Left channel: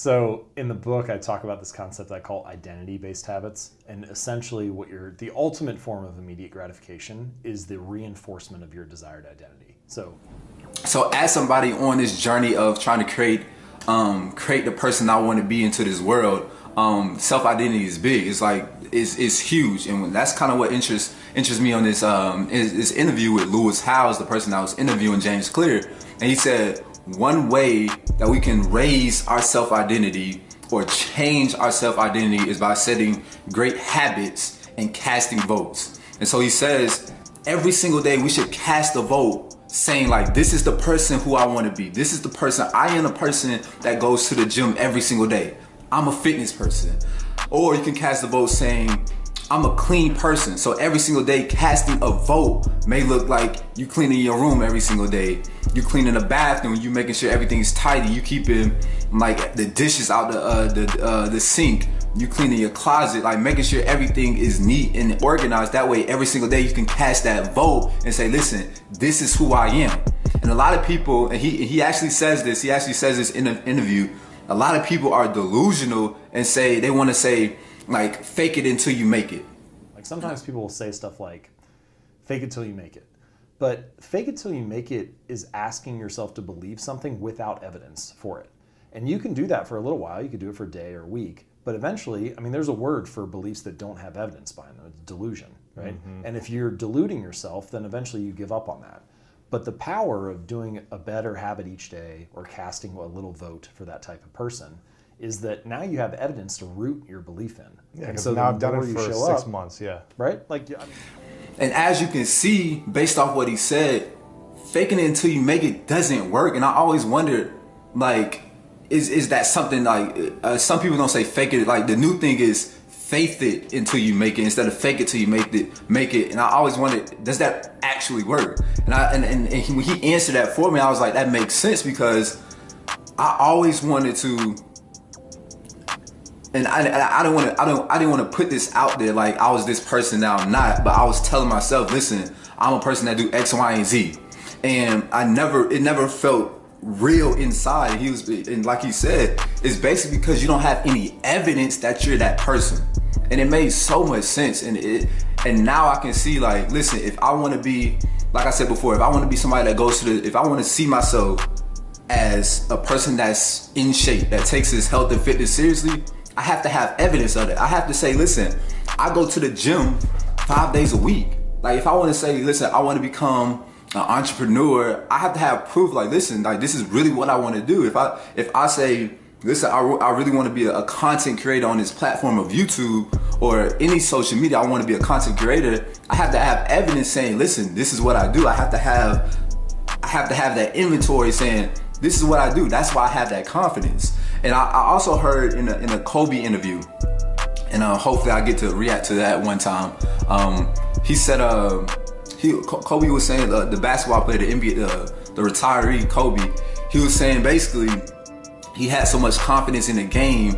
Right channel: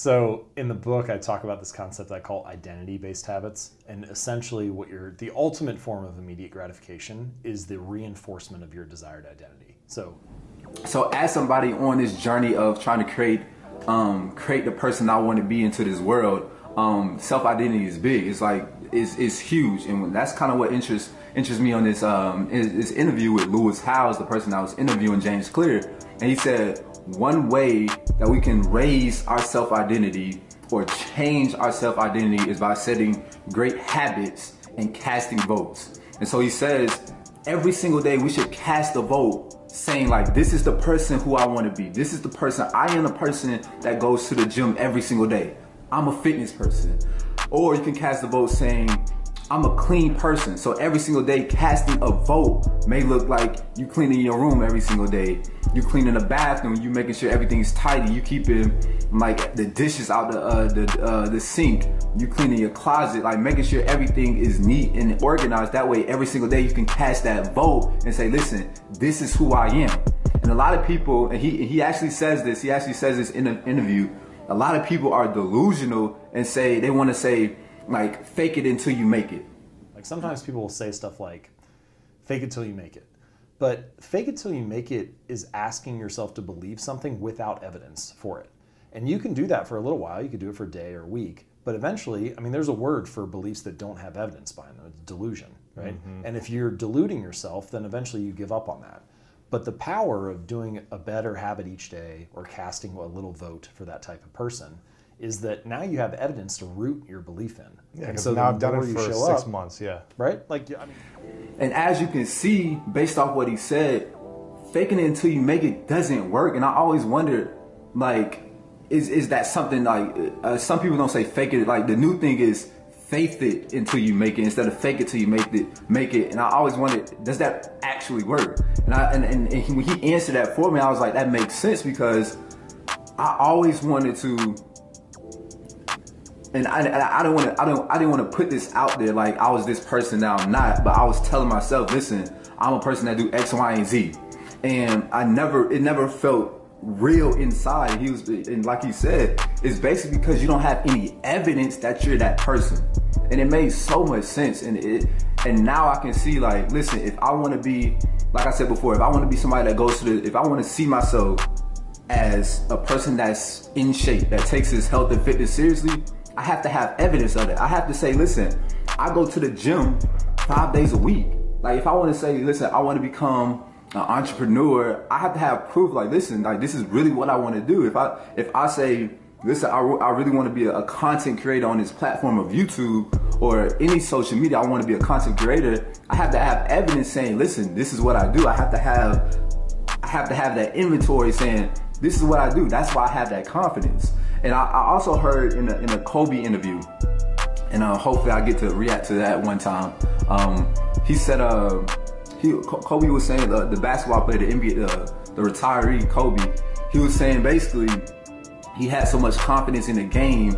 So in the book, I talk about this concept I call identity-based habits. And essentially the ultimate form of immediate gratification is the reinforcement of your desired identity. So as somebody on this journey of trying to create the person I want to be into this world, self-identity is big. It's like, it's huge. And that's kind of what interests me on this interview with Lewis Howes, the person I was interviewing, James Clear. And he said, one way that we can raise our self-identity or change our self-identity is by setting great habits and casting votes. And so he says, every single day we should cast a vote saying like, this is the person who I want to be. This is the person, I am a person that goes to the gym every single day. I'm a fitness person. Or you can cast a vote saying, I'm a clean person. So every single day casting a vote may look like you cleaning your room every single day. You cleaning the bathroom, you making sure everything's tidy. You keeping like the dishes out the sink. You cleaning your closet, like making sure everything is neat and organized. That way every single day you can cast that vote and say, listen, this is who I am. And a lot of people, and he actually says this in an interview, a lot of people are delusional and say, they want to say, like, fake it until you make it. Like sometimes people will say stuff like, fake it till you make it. But fake it till you make it is asking yourself to believe something without evidence for it. And you can do that for a little while. You could do it for a day or a week. But eventually, I mean, there's a word for beliefs that don't have evidence behind them. It's delusion, right? Mm-hmm. And if you're deluding yourself, then eventually you give up on that. But the power of doing a better habit each day or casting a little vote for that type of person is that now you have evidence to root your belief in. Yeah, because so now I've done it for 6 months, yeah. Right? Like, I mean, and as you can see, based off what he said, faking it until you make it doesn't work. And I always wondered, like, is that something like, some people don't say fake it, like the new thing is faith it until you make it instead of fake it till you make it. And I always wondered, does that actually work? And when he answered that for me, I was like, that makes sense, because I always wanted to. And I didn't want to put this out there like I was this person, now I'm not. But I was telling myself, listen, I'm a person that do X, Y, and Z, and it never felt real inside. And like he said, it's basically because you don't have any evidence that you're that person, and it made so much sense. And now I can see, like, listen, if I want to be, like I said before, if I want to be somebody that goes to if I want to see myself as a person that's in shape, that takes his health and fitness seriously, I have to have evidence of it. I have to say, listen, I go to the gym 5 days a week. Like, if I want to say, listen, I want to become an entrepreneur, I have to have proof. Like, listen, like, this is really what I want to do. If I say, listen, I really want to be a content creator on this platform of YouTube or any social media, I want to be a content creator, I have to have evidence saying, listen, this is what I do. I have to have that inventory saying, this is what I do. That's why I have that confidence. And I also heard in a Kobe interview, and hopefully I get to react to that one time. He said, Kobe was saying, the basketball player, the NBA, the retiree Kobe, he was saying basically he had so much confidence in the game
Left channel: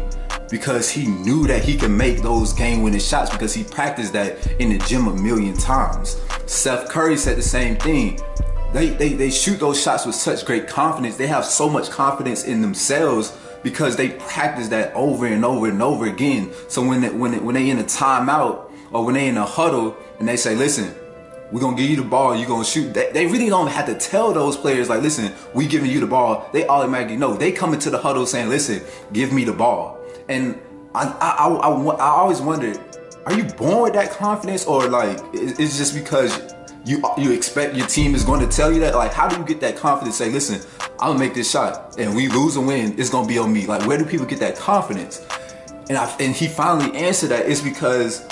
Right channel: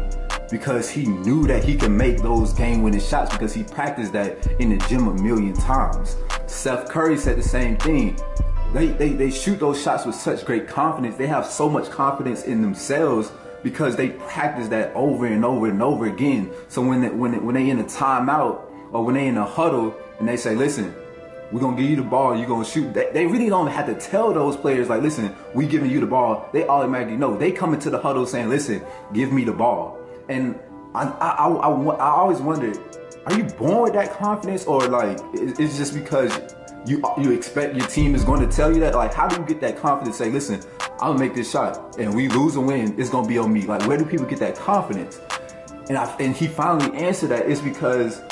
because he knew that he could make those game-winning shots because he practiced that in the gym a million times. Steph Curry said the same thing. They shoot those shots with such great confidence. They have so much confidence in themselves because they practice that over and over and over again. So when they in a timeout or when they in a huddle and they say, listen, we're gonna give you the ball, you're gonna shoot. They really don't have to tell those players like, listen, we giving you the ball. They automatically know. They come into the huddle saying, listen, give me the ball. And I always wondered, are you born with that confidence, or like it's just because you expect your team is going to tell you that? Like, how do you get that confidence? Say, listen, I'm gonna make this shot, and we lose or win, it's gonna be on me. Like, where do people get that confidence? And he finally answered that it's because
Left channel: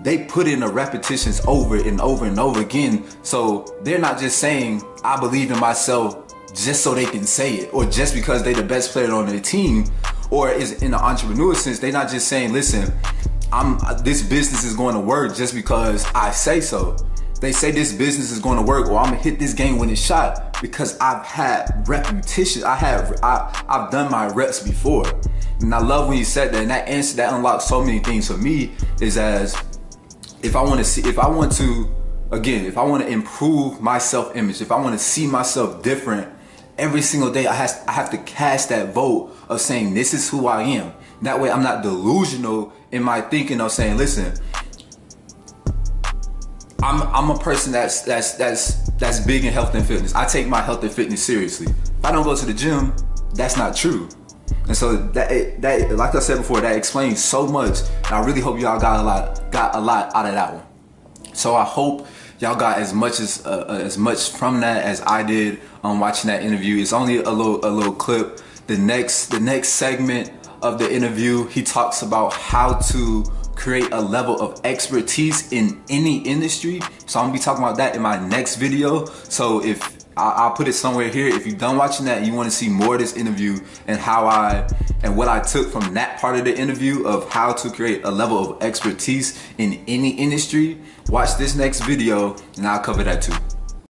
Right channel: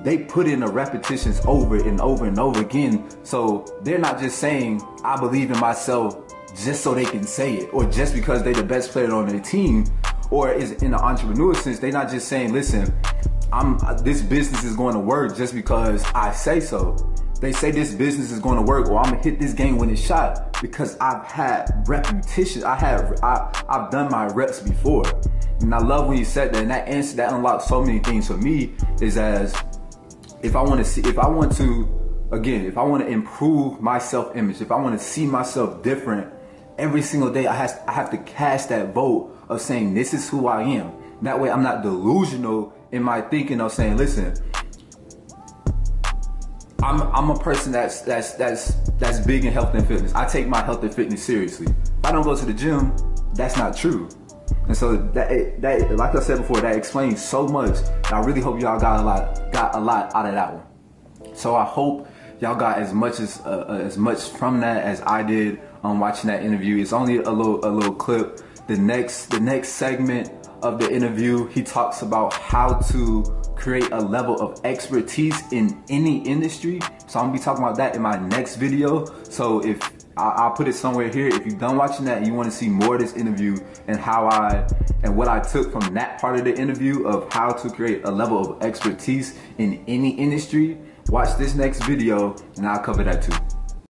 they put in the repetitions over and over and over again. So they're not just saying, I believe in myself just so they can say it, or just because they're the best player on their team, or is in the entrepreneur sense, they're not just saying, listen, this business is going to work just because I say so. They say this business is going to work, or I'm gonna hit this game-winning shot because I've had repetition. I've done my reps before. And I love when you said that, and that answer that unlocks so many things for me. Is as if I want to improve my self-image, if I want to see myself different every single day I have to cast that vote of saying this is who I am. That way I'm not delusional in my thinking of saying, listen, I'm a person that's big in health and fitness. I take my health and fitness seriously. If I don't go to the gym, that's not true. And so that like I said before, that explains so much. And I really hope y'all got a lot out of that one. So I hope y'all got as much from that as I did watching that interview. It's only a little clip. The next segment of the interview, he talks about how to create a level of expertise in any industry. So I'm gonna be talking about that in my next video. So if I'll put it somewhere here. If you're done watching that and you want to see more of this interview and what I took from that part of the interview of how to create a level of expertise in any industry, watch this next video and I'll cover that too.